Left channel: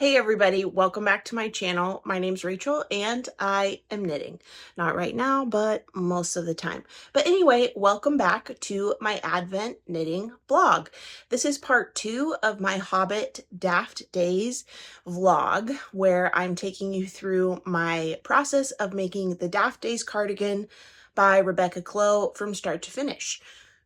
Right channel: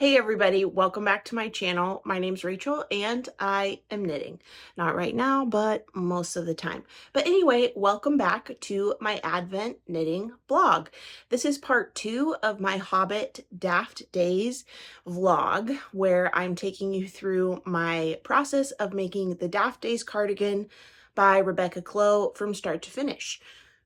Hey everybody, welcome back to my channel. My name's Rachel and I am knitting. Not right now, but most of the time. But anyway, welcome back to my Advent knitting vlog. This is part 2 of my Hobbit Daft Days vlog, where I'm taking you through my process of making the Daft Days cardigan by Rebecca Clow from start to finish.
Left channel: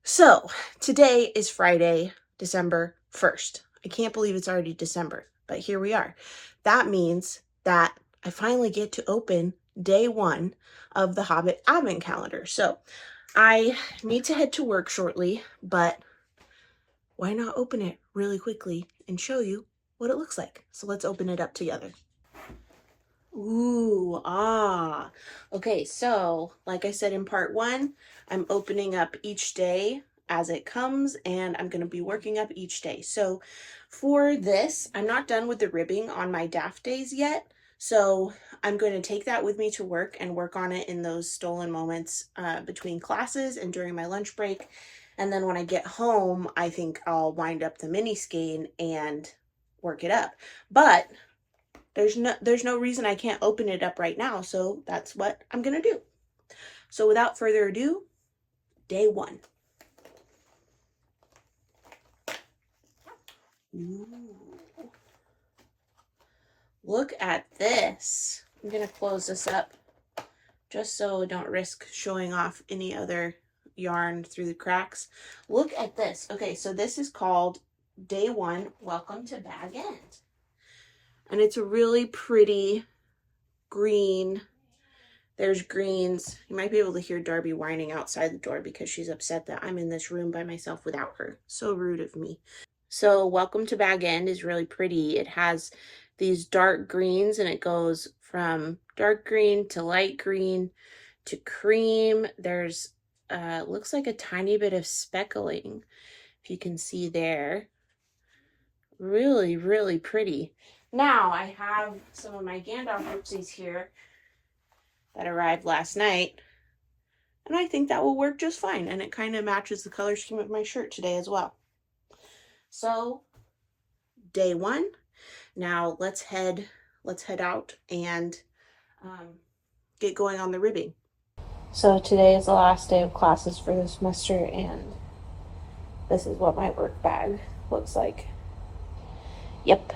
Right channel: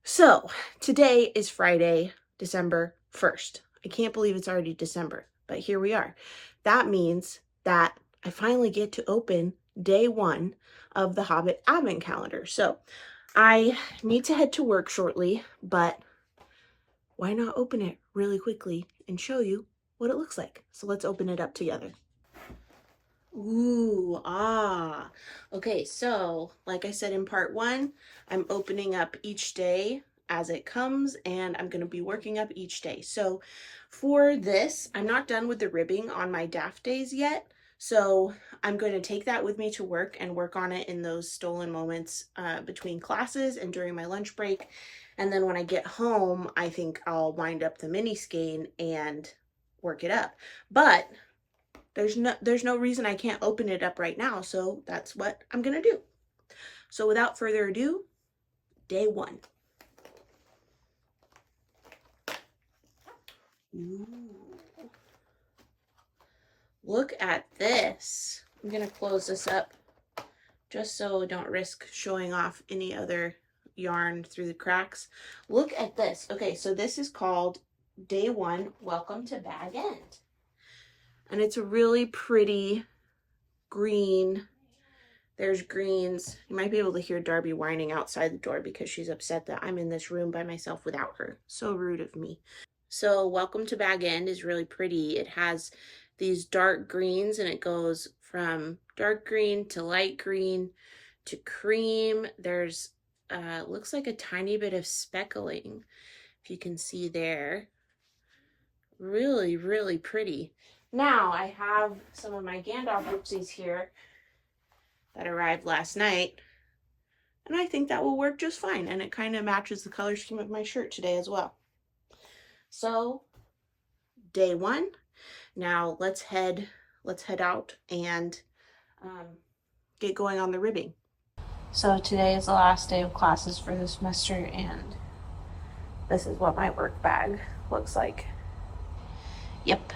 So today is Friday, December 1st. I can't believe it's already December. But here we are. That means that I finally get to open day 1 of the Hobbit Advent calendar. So I need to head to work shortly, but why not open it really quickly and show you what it looks like? So let's open it up together. Ooh, ah. Okay, so like I said in part 1, I'm opening up each day as it comes, and I'm going to be working up each day. So for this, I'm not done with the ribbing on my Daft days yet, so I'm going to take that with me to work and work on it in those stolen moments between classes and during my lunch break. And then when I get home, I think I'll wind up the mini skein and work it up. But there's no reason I can't open it up right now, so that's what I'm gonna do. So without further ado, day 1. Ooh. Look at this. I'm gonna close this up just so I don't risk showing off any other yarn through the cracks. Look at this. Okay, so this is called day 1, Welcome to Bag End. And it's a really pretty green. There's greens. You might be able to hear Darby whining outside the door because she's upset that I'm in this room by myself without her. So rude of me. So Welcome to Bag End is really pretty. It has these dark greens and it goes from dark green to light green to cream. There's looks like a tiny bit of speckling, if you can see there. Really, really pretty. Now I have some of my Gandalf oopsies here that arrived last night, and I think that will work just fine, and it kind of matches the color scheme of my shirt today as well. So day 1. Now let's head out and get going on the ribbing. So today is the last day of classes for the semester, and this is what my work bag looks like. Yep.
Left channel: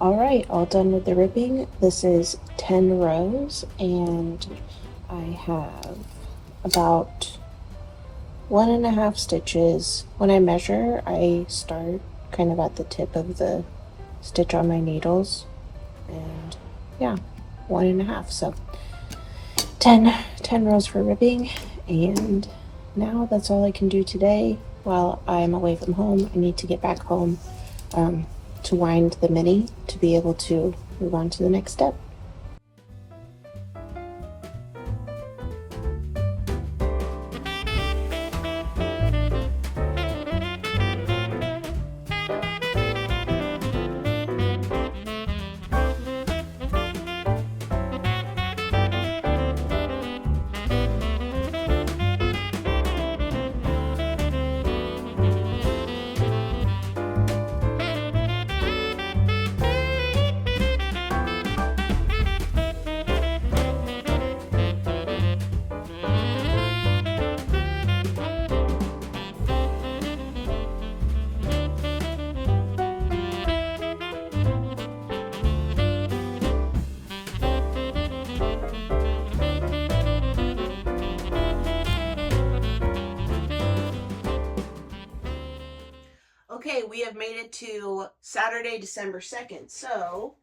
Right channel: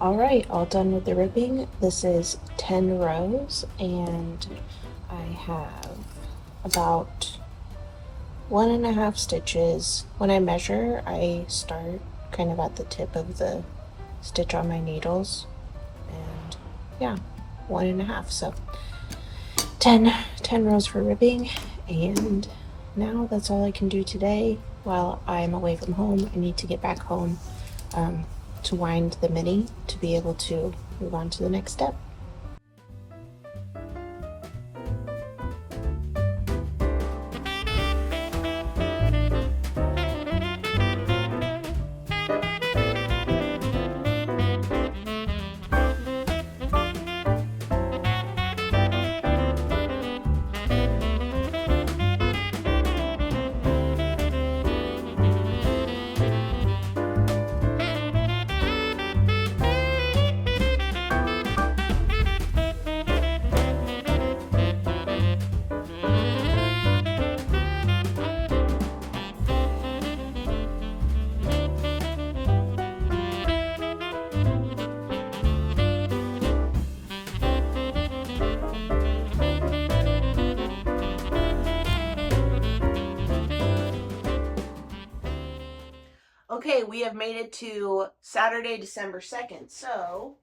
All right, all done with the ribbing. This is 10 rows, and I have about 1.5 stitches. When I measure, I start kind of at the tip of the stitch on my needles, and yeah, 1.5. So 10 rows for ribbing, and now that's all I can do today while I'm away from home. I need to get back home to wind the mini to be able to move on to the next step. Okay, we have made it to Saturday, December 2nd. So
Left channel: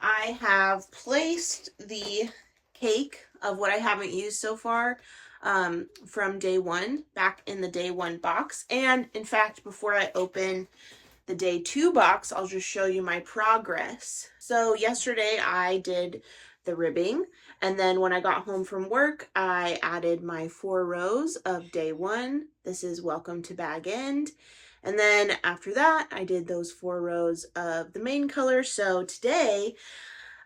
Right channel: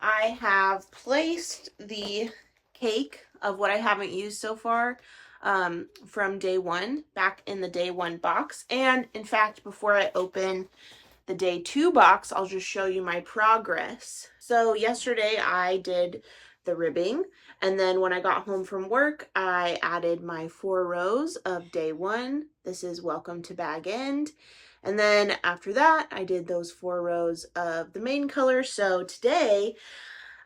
I have placed the cake of what I haven't used so far from day one, back in the day one box. And in fact, before I open the day two box, I'll just show you my progress. So yesterday I did the ribbing, and then when I got home from work, I added my 4 rows of day one. This is Welcome to Bag End. And then after that, I did those 4 rows of the main color. So today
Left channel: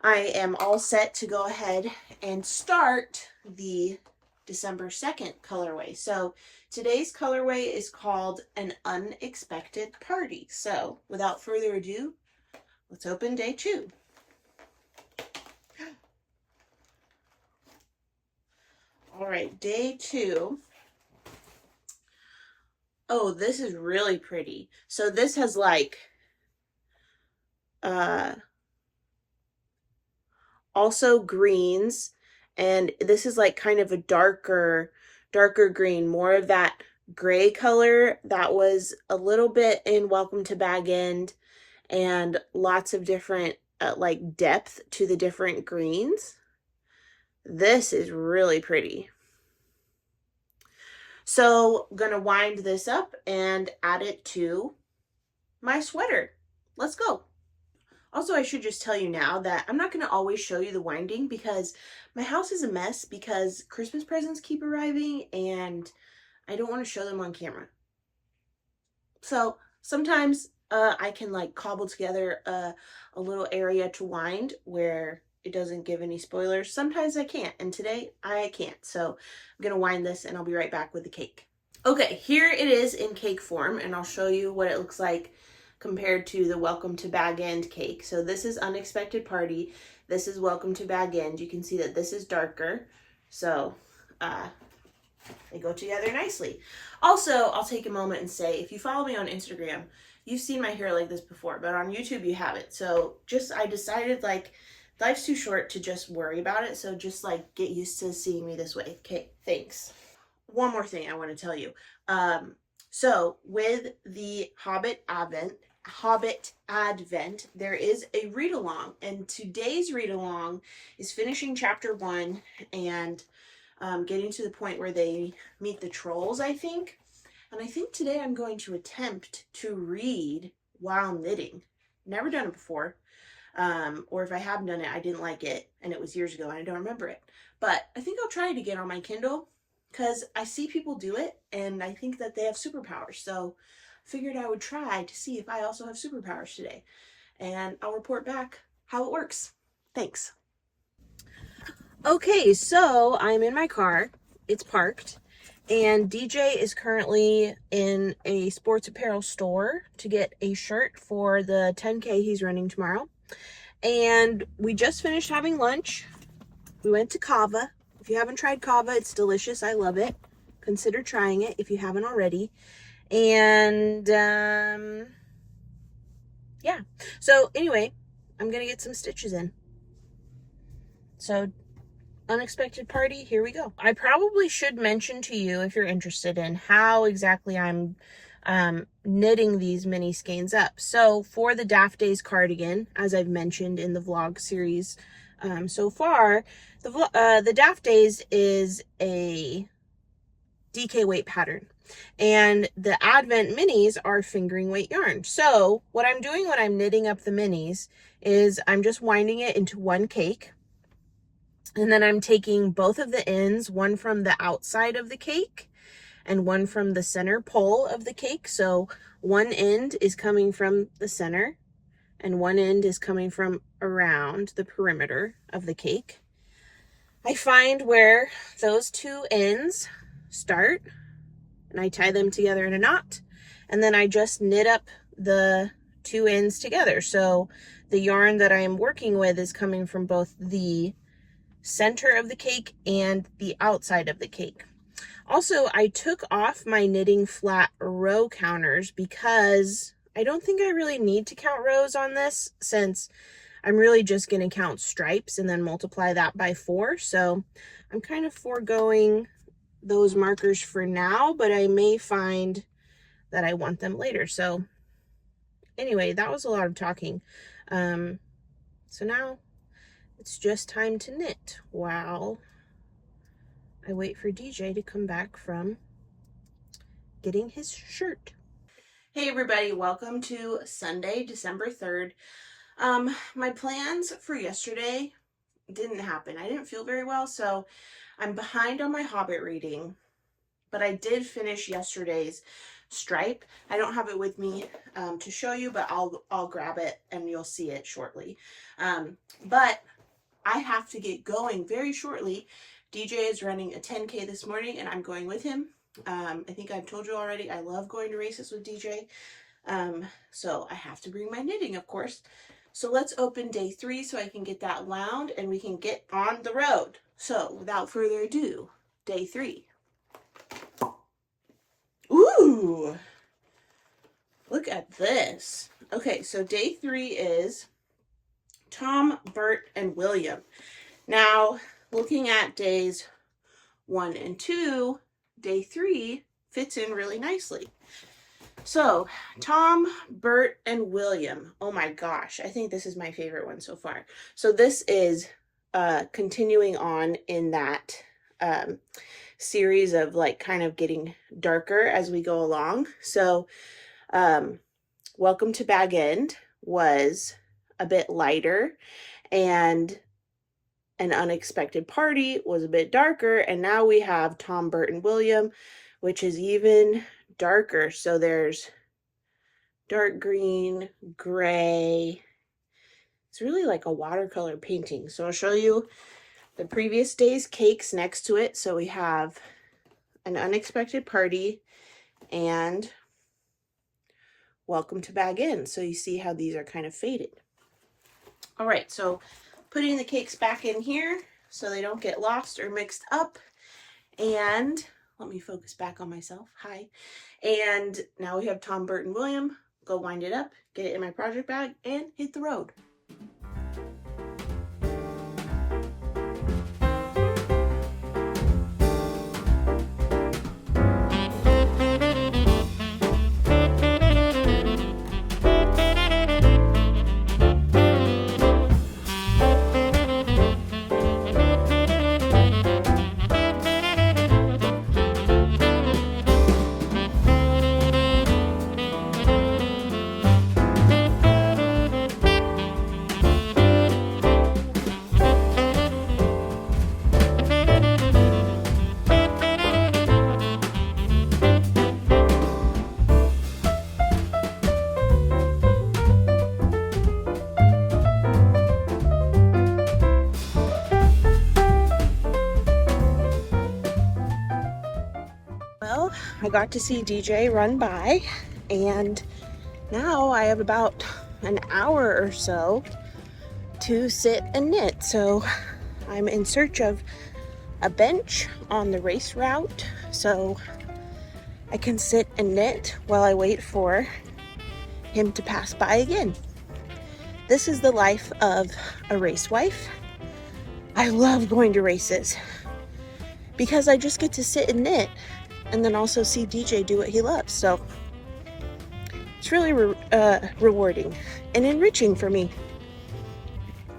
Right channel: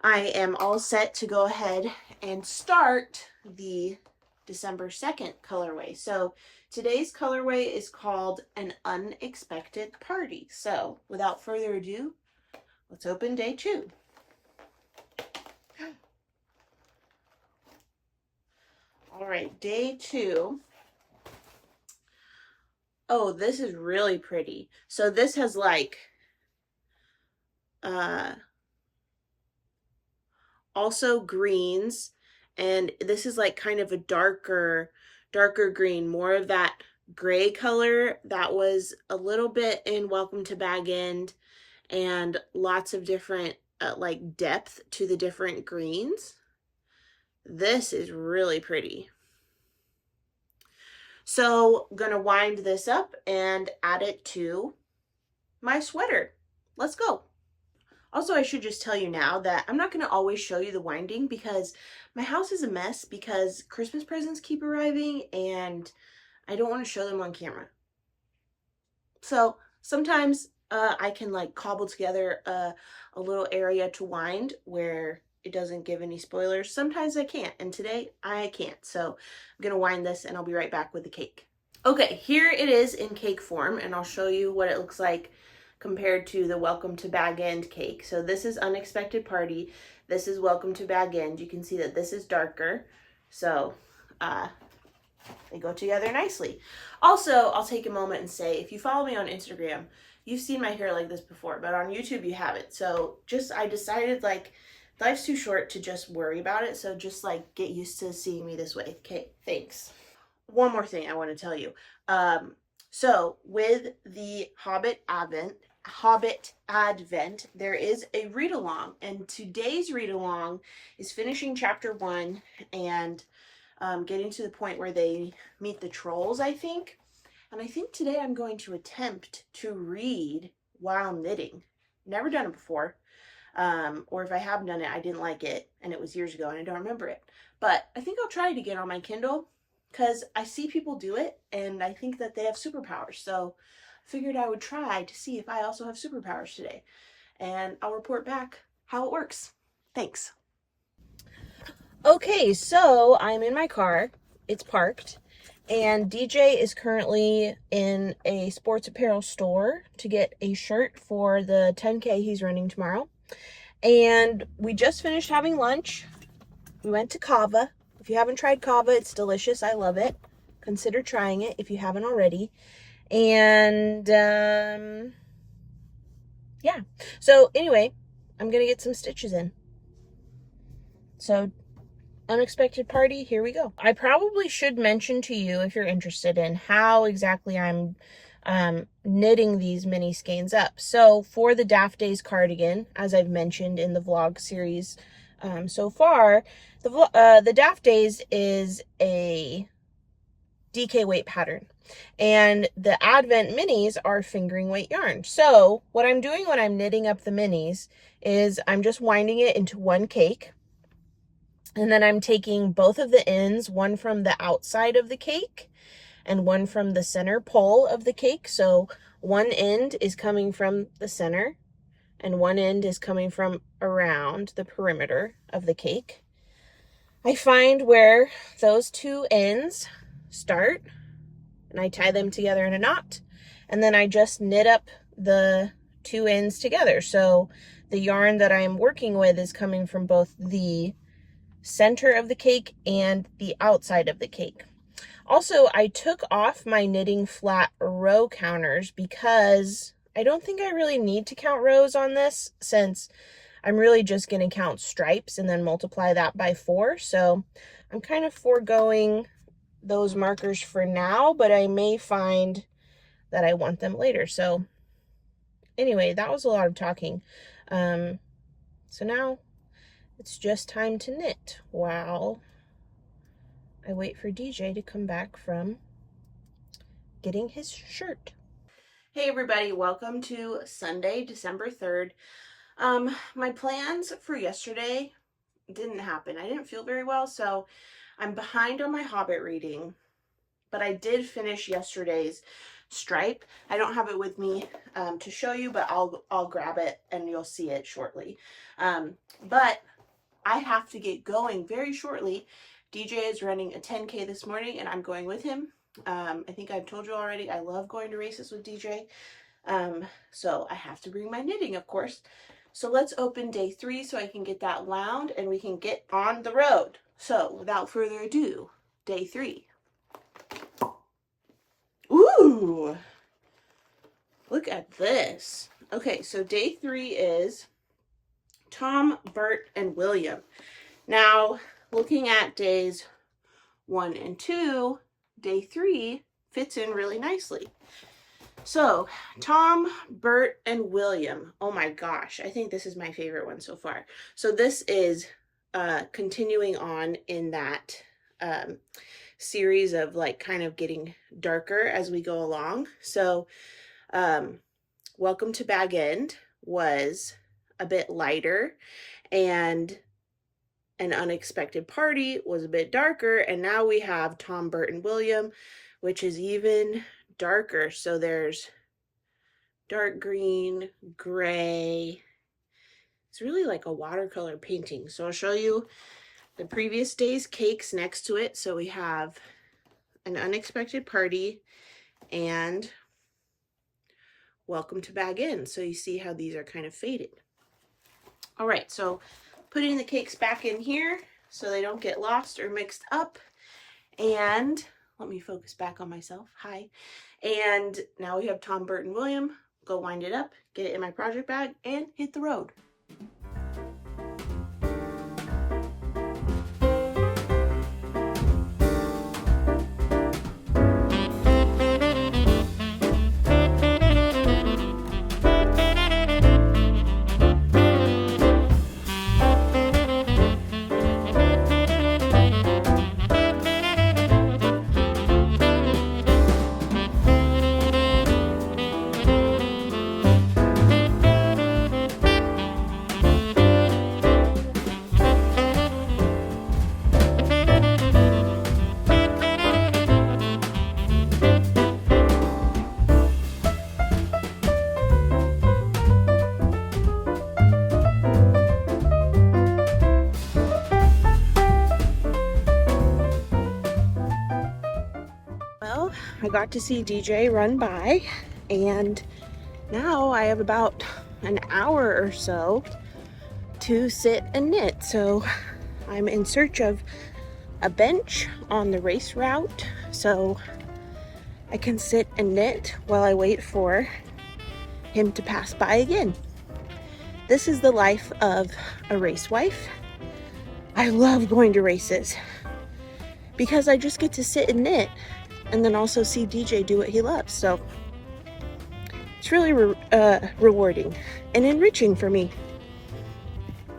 I am all set to go ahead and start the December 2nd colorway. So today's colorway is called An Unexpected Party. So without further ado, let's open day 2. All right, day 2. Oh, this is really pretty. So this has like also greens, and this is like kind of a darker green, more of that gray color that was a little bit in Welcome to Bag End, and lots of different like depth to the different greens. This is really pretty. So I'm gonna wind this up and add it to my sweater. Let's go. Also, I should just tell you now that I'm not going to always show you the winding because my house is a mess because Christmas presents keep arriving and I don't want to show them on camera. So sometimes I can like cobble together a little area to wind where it doesn't give any spoilers. Sometimes I can't, and today I can't. So I'm going to wind this and I'll be right back with the cake. Okay, here it is in cake form, and I'll show you what it looks like compared to the Welcome to Bag End cake. So this is Unexpected Party. This is Welcome to Bag End. You can see that this is darker. So they go together nicely. Also, I'll take a moment and say, if you follow me on Instagram, you've seen my hair like this before, but on YouTube you haven't. So I decided like life's too short to just worry about it. So just like get used to seeing me this way. Okay, thanks. One more thing I want to tell you. So with the Hobbit Advent, there is a read-along, and today's read-along is finishing chapter 1 and getting to the point where they meet the trolls, I think. And I think today I'm going to attempt to read while knitting. Never done it before. Or if I have done it, I didn't like it, and it was years ago, and I don't remember it. But I think I'll try it again on my Kindle, because I see people do it, and I think that they have superpowers. So I figured I would try to see if I also have superpowers today. And I'll report back how it works. Thanks. Okay, so I'm in my car. It's parked. And DJ is currently in a sports apparel store to get a shirt for the 10K he's running tomorrow. And we just finished having lunch. We went to Kava. If you haven't tried Kava, it's delicious. I love it. Consider trying it if you haven't already. And yeah. So anyway, I'm going to get some stitches in. So Unexpected Party, here we go. I probably should mention to you, if you're interested, in how exactly I'm knitting these mini skeins up. So for the Daft Days cardigan, as I've mentioned in the vlog series so far, the Daft Days is a DK weight pattern, and the Advent minis are fingering weight yarn. So what I'm doing when I'm knitting up the minis is I'm just winding it into one cake, and then I'm taking both of the ends, one from the outside of the cake and one from the center pole of the cake. So one end is coming from the center and one end is coming from around the perimeter of the cake. I find where those two ends start and I tie them together in a knot, and then I just knit up the two ends together. So the yarn that I'm working with is coming from both the center of the cake and the outside of the cake. Also, I took off my knitting flat row counters because I don't think I really need to count rows on this, since I'm really just going to count stripes and then multiply that by 4. So I'm kind of foregoing those markers for now, but I may find that I want them later. So anyway, that was a lot of talking. So now it's just time to knit while I wait for DJ to come back from getting his shirt. Hey everybody, welcome to Sunday, December 3rd. My plans for yesterday didn't happen. I didn't feel very well, so I'm behind on my Hobbit reading, but I did finish yesterday's stripe. I don't have it with me to show you, but I'll grab it and you'll see it shortly. But I have to get going very shortly. DJ is running a 10K this morning and I'm going with him. I think I've told you already, I love going to races with DJ. So I have to bring my knitting, of course. So let's open day 3 so I can get that wound and we can get on the road. So without further ado, day 3. Ooh, look at this. Okay, so day 3 is Tom, Bert, and William. Now, looking at days 1 and 2, day 3 fits in really nicely. So, Tom, Bert, and William. Oh my gosh, I think this is my favorite one so far. So this is continuing on in that series of like kind of getting darker as we go along. So, Welcome to Bag End was a bit lighter, and An Unexpected Party was a bit darker, and now we have Tom, Bert, and William, which is even darker. So there's dark green, gray. It's really like a watercolor painting. So I'll show you the previous day's cakes next to it. So we have An Unexpected Party and Welcome to Bag End. So you see how these are kind of faded. All right, so putting the cakes back in here so they don't get lost or mixed up. And let me focus back on myself. Hi. And now we have Tom, Bert, and William. Go wind it up, get it in my project bag, and hit the road. Well, I got to see DJ run by, and now I have about an hour or so to sit and knit. So I'm in search of a bench on the race route so I can sit and knit while I wait for him to pass by again. This is the life of a race wife. I love going to races because I just get to sit and knit and then also see DJ do what he loves. So it's really rewarding and enriching for me.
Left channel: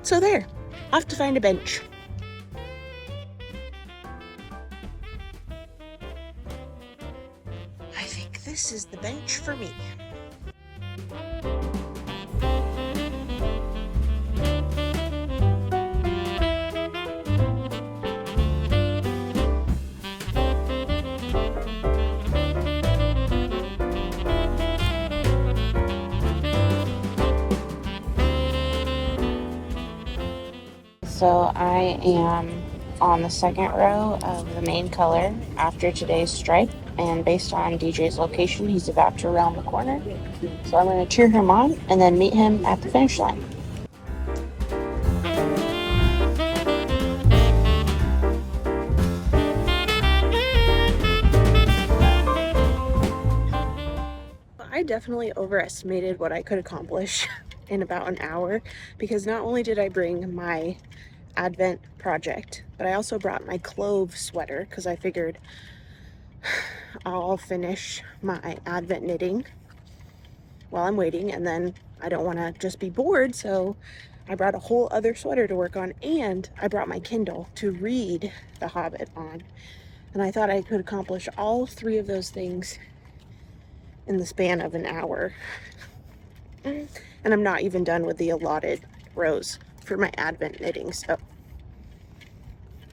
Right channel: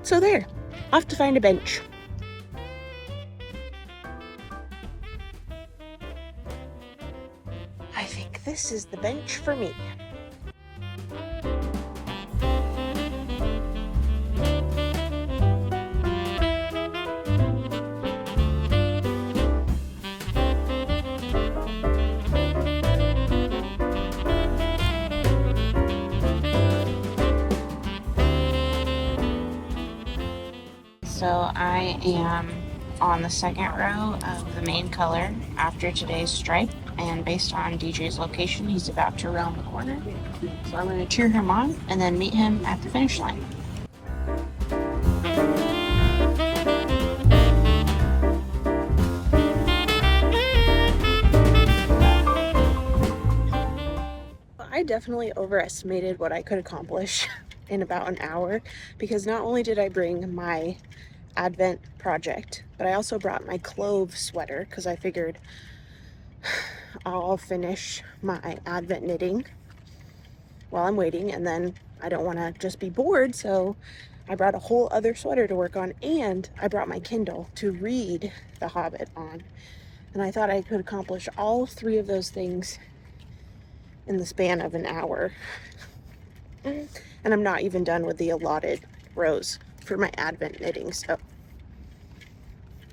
So there, off to find a bench. I think this is the bench for me. So I am on the second row of the main color after today's stripe, and based on DJ's location, he's about to round the corner. So I'm going to cheer him on and then meet him at the finish line. I definitely overestimated what I could accomplish in about an hour, because not only did I bring my Advent project, but I also brought my clove sweater because I figured I'll finish my Advent knitting while I'm waiting, and then I don't want to just be bored, so I brought a whole other sweater to work on, and I brought my Kindle to read The Hobbit on. And I thought I could accomplish all 3 of those things in the span of an hour. And I'm not even done with the allotted rows for my Advent knitting, so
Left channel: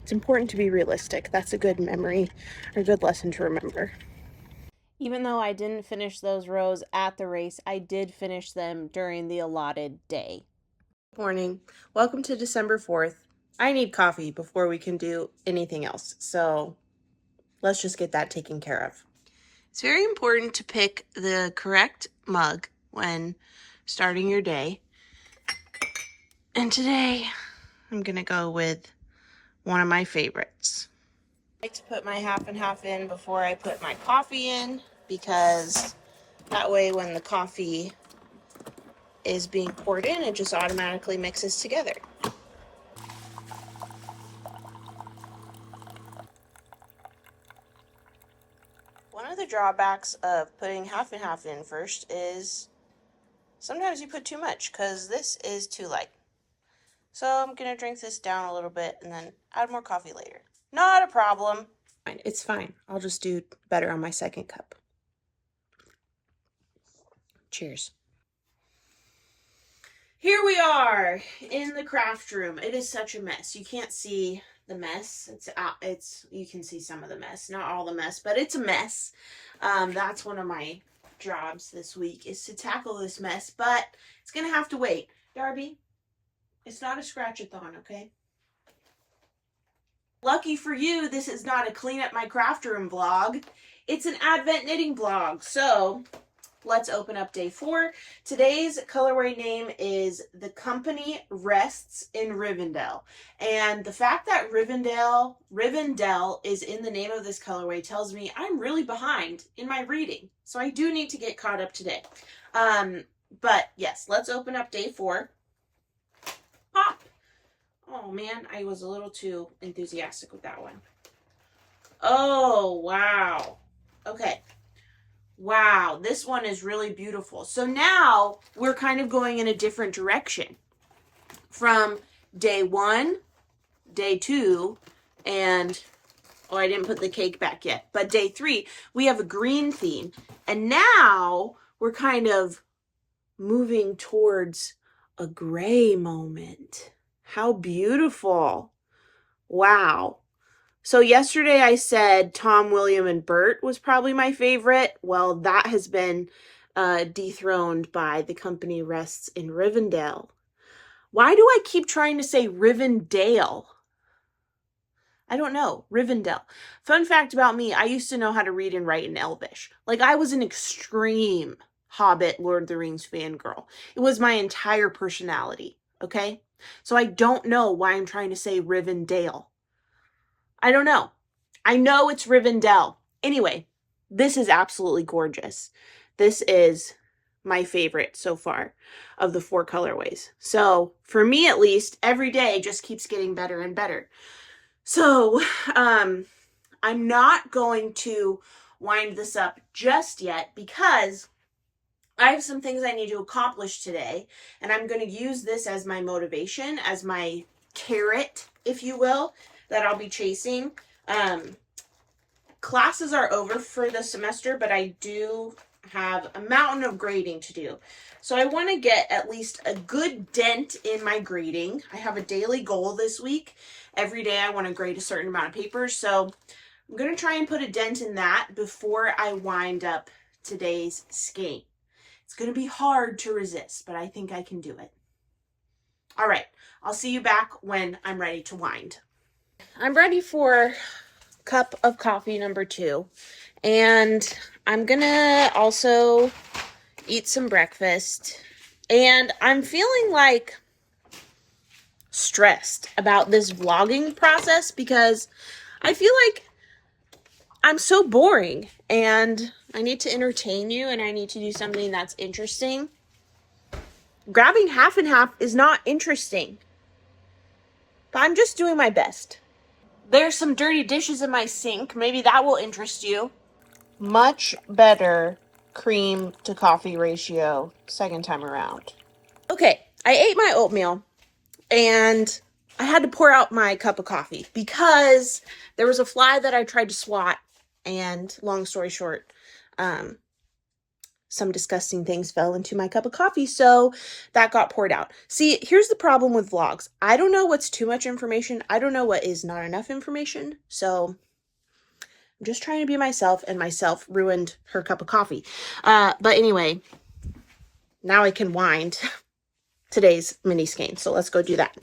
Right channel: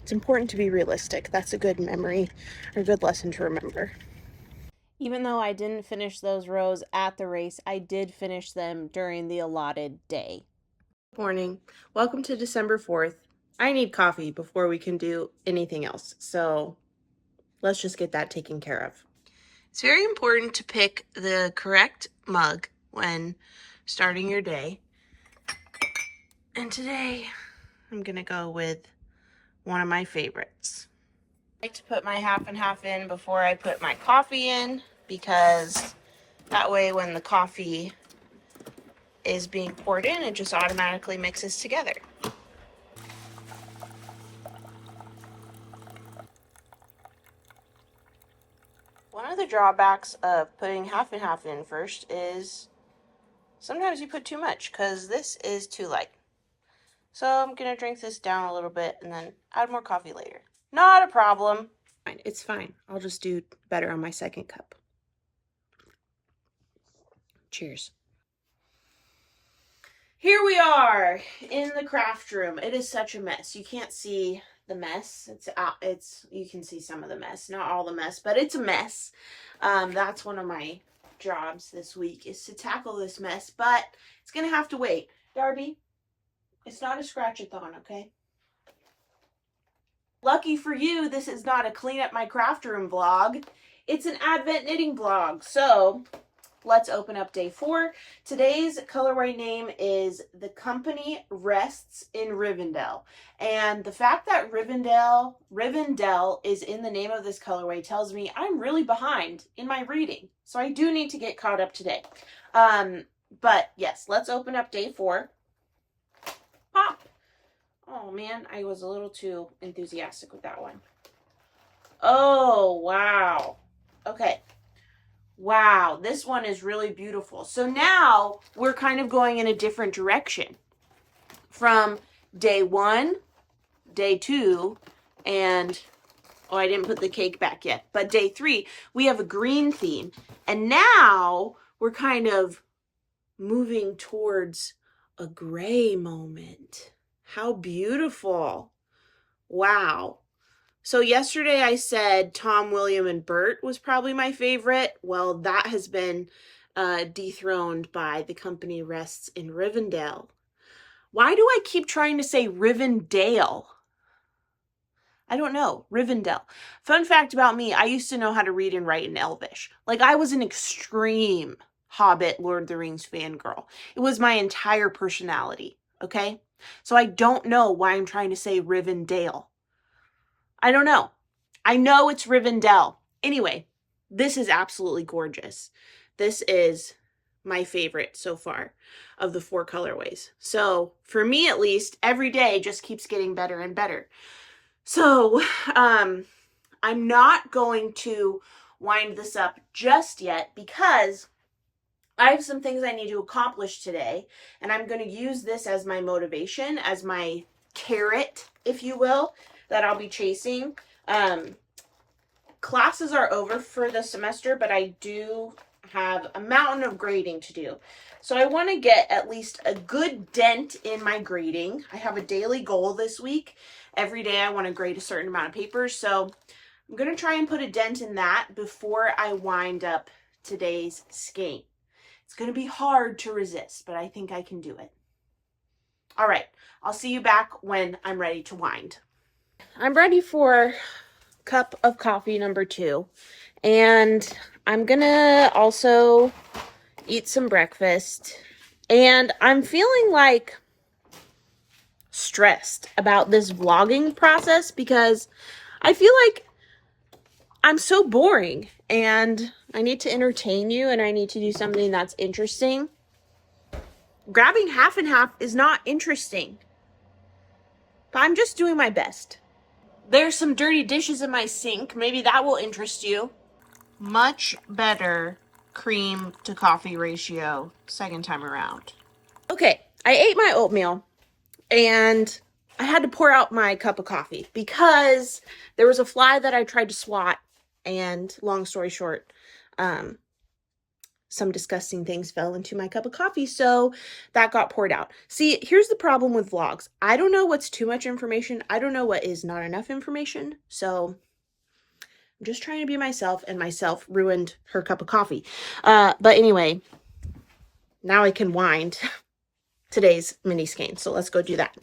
it's important to be realistic. That's a good memory, or a good lesson to remember. Even though I didn't finish those rows at the race, I did finish them during the allotted day. Good morning. Welcome to December 4th. I need coffee before we can do anything else, so let's just get that taken care of. It's very important to pick the correct mug when starting your day. And today, I'm going to go with one of my favorites. I like to put my half and half in before I put my coffee in, because that way when the coffee is being poured in, it just automatically mixes together. One of the drawbacks of putting half and half in first is sometimes you put too much, because this is too light. So I'm going to drink this down a little bit and then add more coffee later. Not a problem. It's fine. I'll just do better on my second cup. Cheers. Here we are in the craft room. It is such a mess. You can't see the mess. You can see some of the mess, not all the mess, but it's a mess. That's one of my jobs this week, is to tackle this mess, but it's going to have to wait. Darby, it's not a scratch-a-thon, okay? Lucky for you, this is not a clean up my craft room vlog. It's an Advent knitting vlog. So let's open up day 4. Today's colorway name is The Company Rests in Rivendell. And the fact that Rivendell is in the name of this colorway tells me I'm really behind in my reading. So I do need to get caught up today. But yes, let's open up day 4. Pop. Oh man, I was a little too enthusiastic with that one. Oh, wow. Okay. Wow, this one is really beautiful. So now we're kind of going in a different direction from day 1, day 2, and, oh, I didn't put the cake back yet, but day 3, we have a green theme. And now we're kind of moving towards a gray moment. How beautiful. Wow. So yesterday I said Tom, William, and Bert was probably my favorite. Well, that has been dethroned by The Company Rests in Rivendell. Why do I keep trying to say Rivendell? I don't know. Rivendell. Fun fact about me, I used to know how to read and write in Elvish. Like, I was an extreme Hobbit, Lord of the Rings fangirl. It was my entire personality, okay? So I don't know why I'm trying to say Rivendell. I don't know. I know it's Rivendell. Anyway, this is absolutely gorgeous. This is my favorite so far of the 4 colorways. So for me, at least, every day just keeps getting better and better. So I'm not going to wind this up just yet because I have some things I need to accomplish today, and I'm going to use this as my motivation, as my carrot, if you will, that I'll be chasing. Classes are over for the semester, but I do have a mountain of grading to do. So I want to get at least a good dent in my grading. I have a daily goal this week. Every day I want to grade a certain amount of papers. So I'm going to try and put a dent in that before I wind up today's Skein. It's going to be hard to resist, but I think I can do it. All right, I'll see you back when I'm ready to wind. I'm ready for cup of coffee number 2, and I'm going to also eat some breakfast, and I'm feeling like stressed about this vlogging process because I feel like I'm so boring and I need to entertain you and I need to do something that's interesting. Grabbing half and half is not interesting, but I'm just doing my best. There's some dirty dishes in my sink. Maybe that will interest you. Much better cream to coffee ratio second time around. Okay, I ate my oatmeal and I had to pour out my cup of coffee because there was a fly that I tried to swat, and long story short, some disgusting things fell into my cup of coffee, so that got poured out. See, here's the problem with vlogs. I don't know what's too much information. I don't know what is not enough information, so I'm just trying to be myself, and myself ruined her cup of coffee. But anyway, now I can wind today's mini skein, so let's go do that.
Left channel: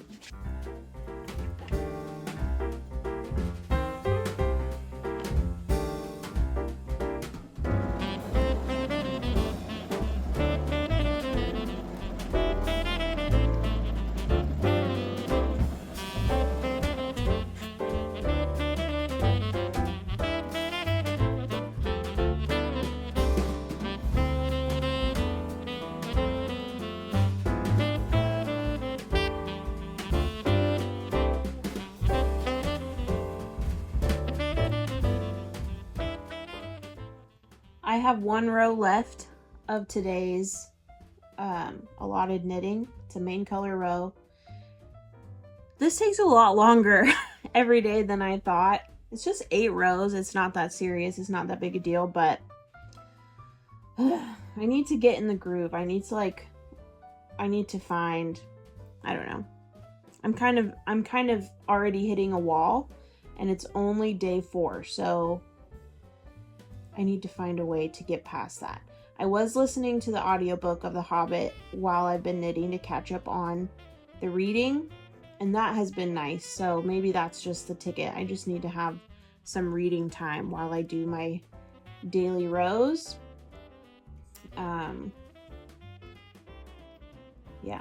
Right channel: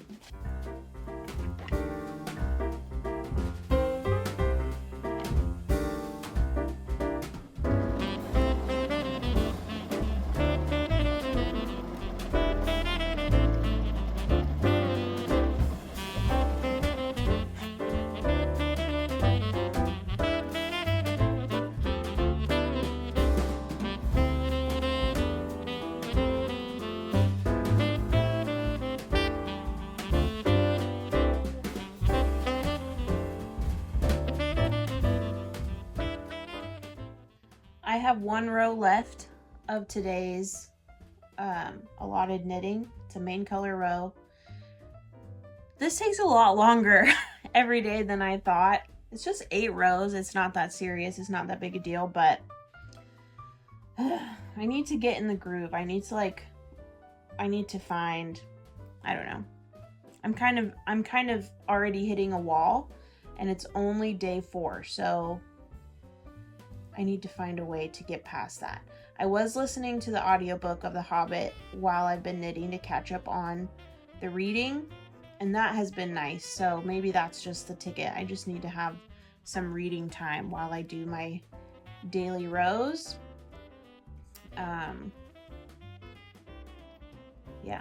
I have one row left of today's allotted knitting. It's a main color row. This takes a lot longer every day than I thought. It's just 8 rows. It's not that serious. It's not that big a deal, but I need to get in the groove. I need to find, I don't know. I'm kind of already hitting a wall, and it's only day 4, so I need to find a way to get past that. I was listening to the audiobook of The Hobbit while I've been knitting to catch up on the reading, and that has been nice. So maybe that's just the ticket. I just need to have some reading time while I do my daily rows. Yeah.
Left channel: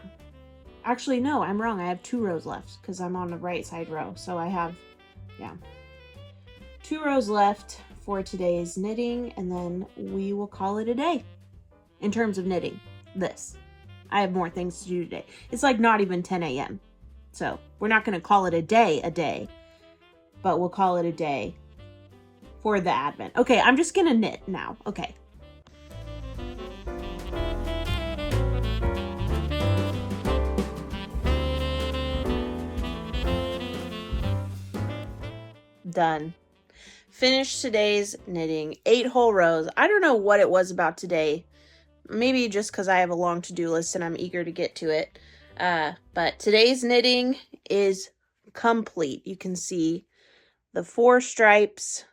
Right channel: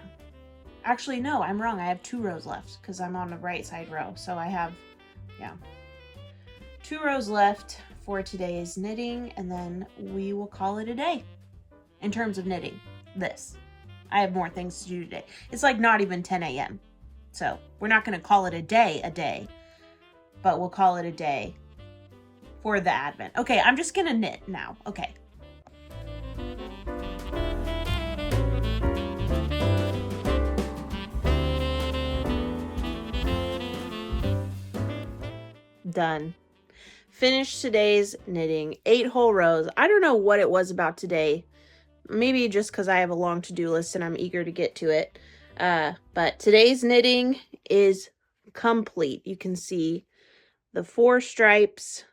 Actually, no, I'm wrong. I have 2 rows left because I'm on the right side row. So I have, yeah, 2 rows left for today's knitting, and then we will call it a day in terms of knitting this. I have more things to do today. It's like not even 10 a.m. So we're not going to call it a day, but we'll call it a day for the Advent. Okay, I'm just going to knit now. Okay. Done. Finished today's knitting. 8 whole rows. I don't know what it was about today. Maybe just because I have a long to-do list and I'm eager to get to it. But today's knitting is complete. You can see the 4 stripes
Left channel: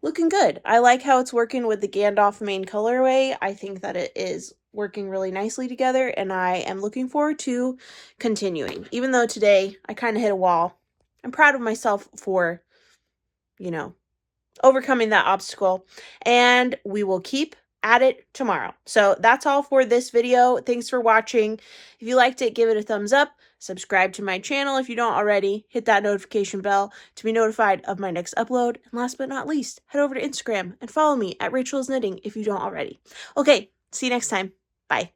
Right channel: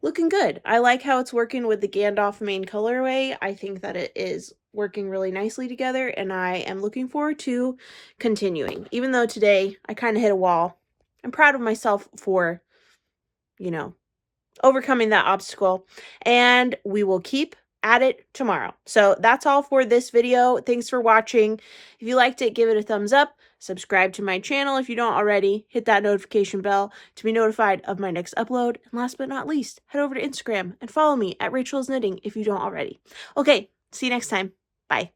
looking good. I like how it's working with the Gandalf main colorway. I think that it is working really nicely together, and I am looking forward to continuing. Even though today I kind of hit a wall, I'm proud of myself for, you know, overcoming that obstacle, and we will keep at it tomorrow. So that's all for this video. Thanks for watching. If you liked it, give it a thumbs up. Subscribe to my channel if you don't already. Hit that notification bell to be notified of my next upload. And last but not least, head over to Instagram and follow me at Rachel's Knitting if you don't already. Okay, see you next time. Bye.